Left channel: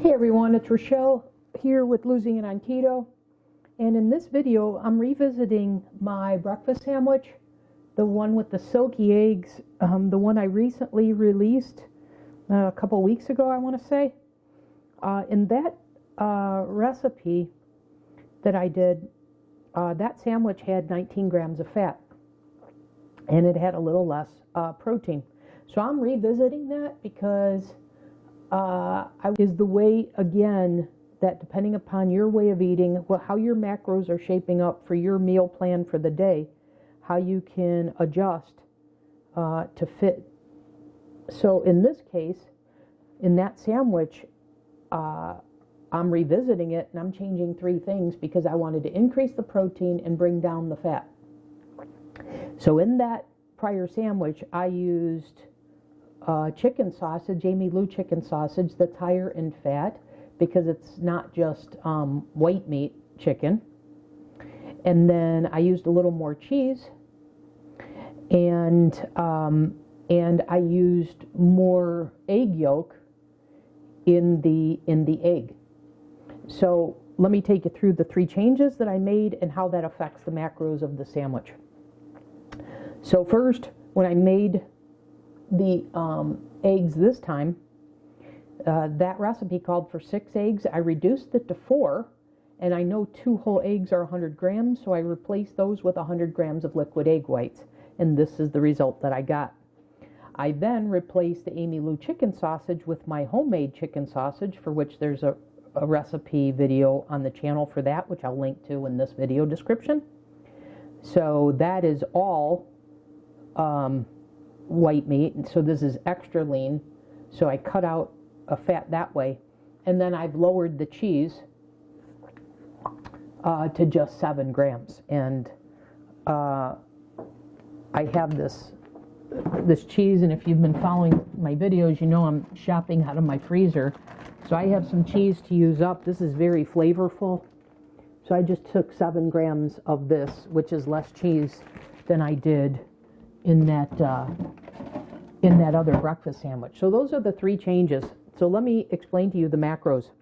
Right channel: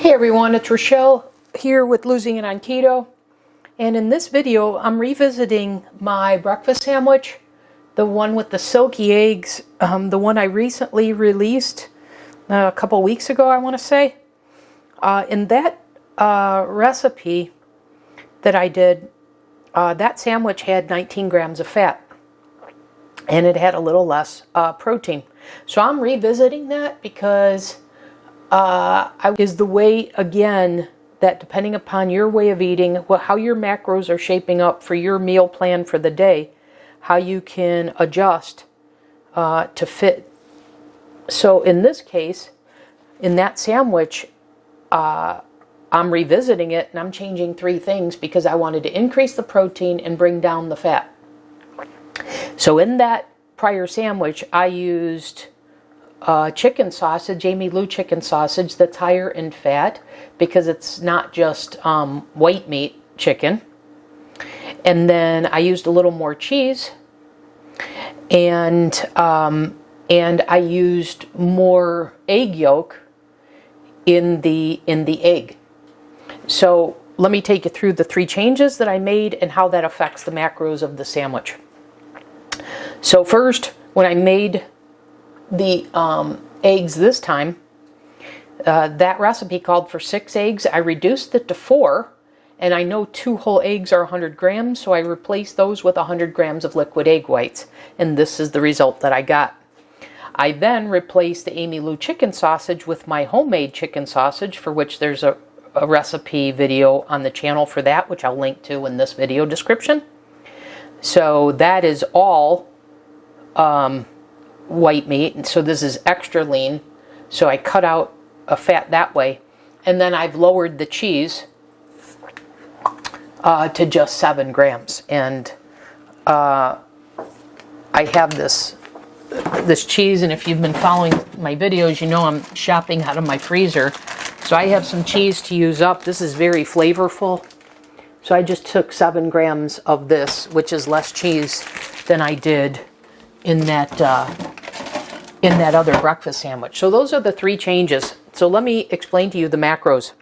Hey everyone, it's Rochelle here with Losing It on Keto. And in this video, I'm revisiting my breakfast sandwich, the one with the silky eggs, the one I recently released a couple weeks ago, I want to say. In that recipe that I did, that sandwich had 19 grams of fat and it had a little less protein. So I'm revisiting that because is the way, again, that depending upon your way of eating, how your macros are shaping up for your meal plan for the day, how you can adjust to fit. So in this case, in that sandwich, I'm revisiting it and I'm changing 3 things because I wanted to increase the protein and bring down the fat. So in that prior sandwich, I used chicken sausage, Amy Lou chicken sausage, that's higher in fat because it's not just white meat chicken. And then I used a little more cheese, and I used more egg yolk in the egg. So let me take you through the 3 changes that I made and how that affects the macros of the sandwich. So first, when I made the eggs this time, that recipe called for 6 eggs. I reduced it to 4, and I know 2 whole eggs are 100 grams, so I replaced those with 100 grams of liquid egg whites, and this is the result that I got. I then replaced the Amy Lou chicken sausage with my homemade chicken sausage, for which there's a recipe video on the channel for that, which I'll link to in this video description. So that is all white meat, and so this is extra lean, so I cut out a fat that way. And then I've lowered the cheese to just 7 grams, and I have this cheese, and if you've been following my videos, you know I'm shopping out of my freezer, so I have some cheese to use up. This is very flavorful, so I just took 7 grams of this, which is less cheese than I did in that other breakfast sandwich. So those are the 3 changes. So let me explain to you the macros.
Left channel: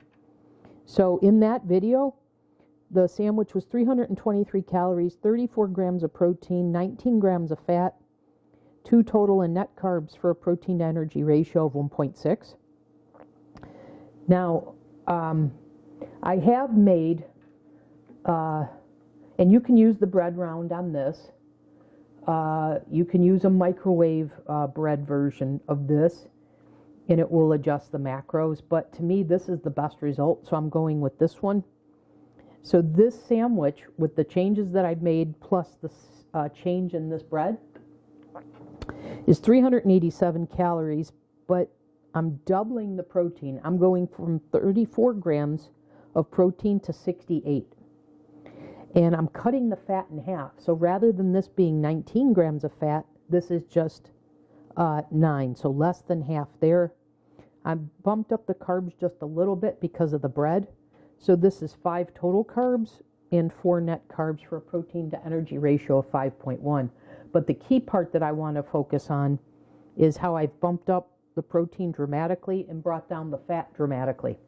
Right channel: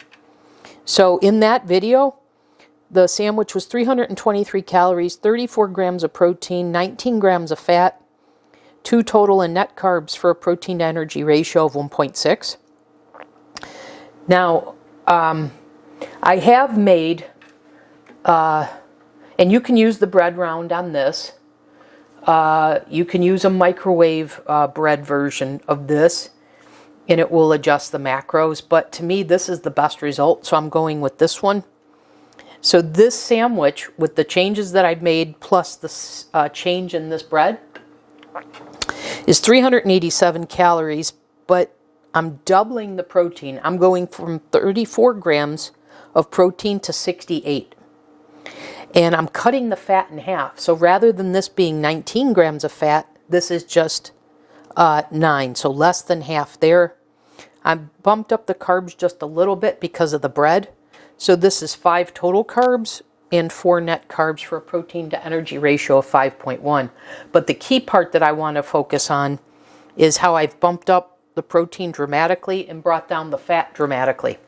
So in that video, the sandwich was 323 calories, 34 grams of protein, 19 grams of fat, 2 total in net carbs for a protein to energy ratio of 1.6. Now, I have made, and you can use the bread round on this. You can use a microwave bread version of this, and it will adjust the macros. But to me, this is the best result, so I'm going with this one. So this sandwich, with the changes that I've made, plus the change in this bread, is 387 calories, but I'm doubling the protein. I'm going from 34 grams of protein to 68. And I'm cutting the fat in half. So rather than this being 19 grams of fat, this is just 9. So less than half there. I bumped up the carbs just a little bit because of the bread. So this is 5 total carbs and 4 net carbs for a protein to energy ratio of 5.1. But the key part that I want to focus on is how I've bumped up the protein dramatically and brought down the fat dramatically.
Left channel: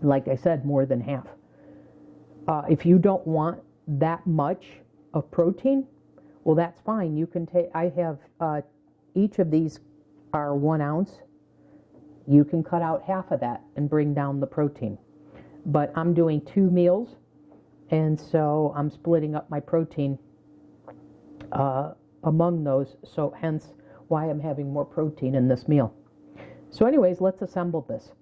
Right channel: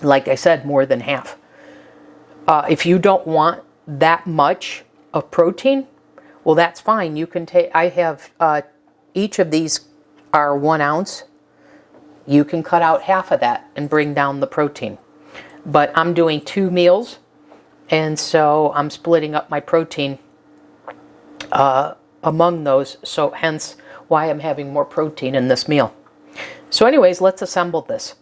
Like I said, more than half. If you don't want that much of protein, well, that's fine. You can take, I have, each of these are 1 ounce. You can cut out half of that and bring down the protein. But I'm doing 2 meals, and so I'm splitting up my protein among those, so hence why I'm having more protein in this meal. So anyways, let's assemble this.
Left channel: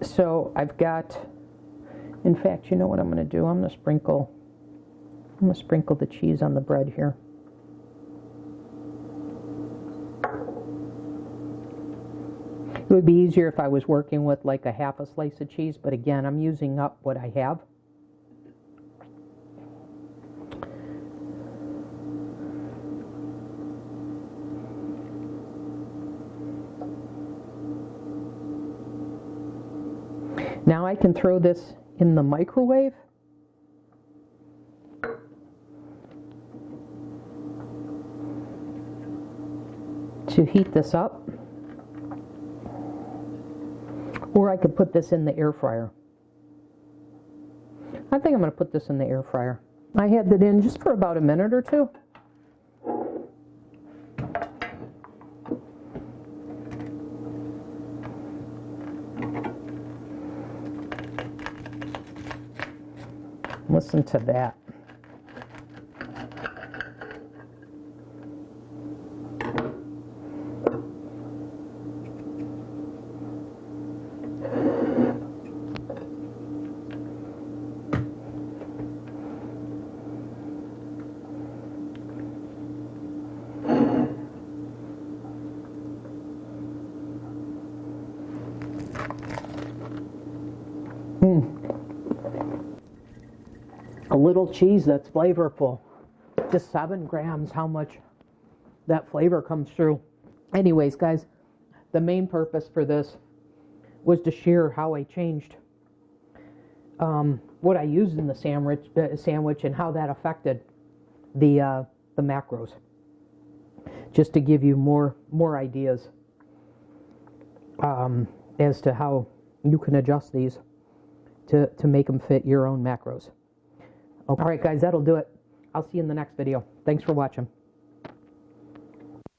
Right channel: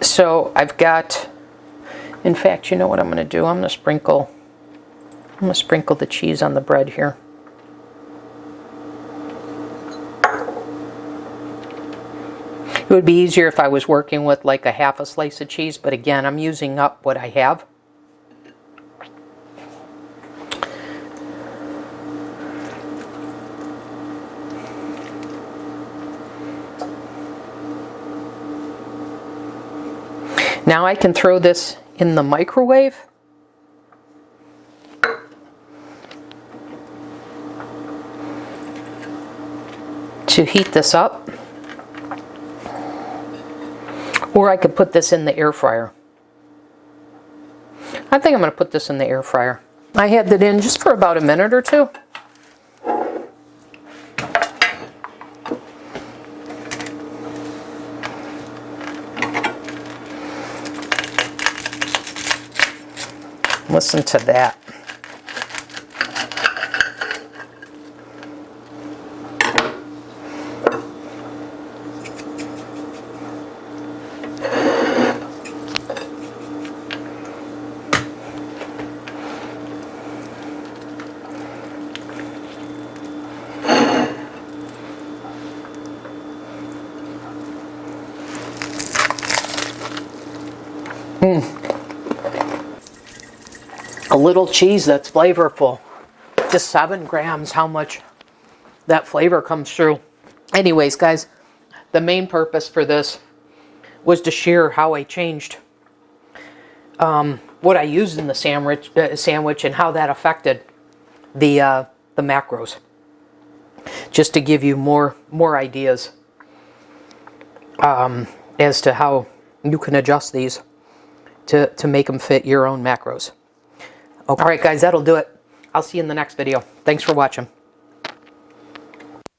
So I've got, in fact, you know what I'm going to do? I'm going to sprinkle the cheese on the bread here. It would be easier if I was working with like a half a slice of cheese, but again, I'm using up what I have. Now I can throw this in the microwave. To heat this up. Or I could put this in the air fryer. I think I'm going to put this in the air fryer. I had that in just for about a minute or two. Listen to that. A little cheese that's flavorful. Just 7 grams, how much that flavor comes through. Anyways, guys, the main purpose for this was to share how I changed what I used in the sandwich and how that affected the macros. Just to give you more ideas as to how you can adjust these to make them fit your own macros. Okay. All right, guys, that'll do it. I'll see you in the next video. Thanks for watching.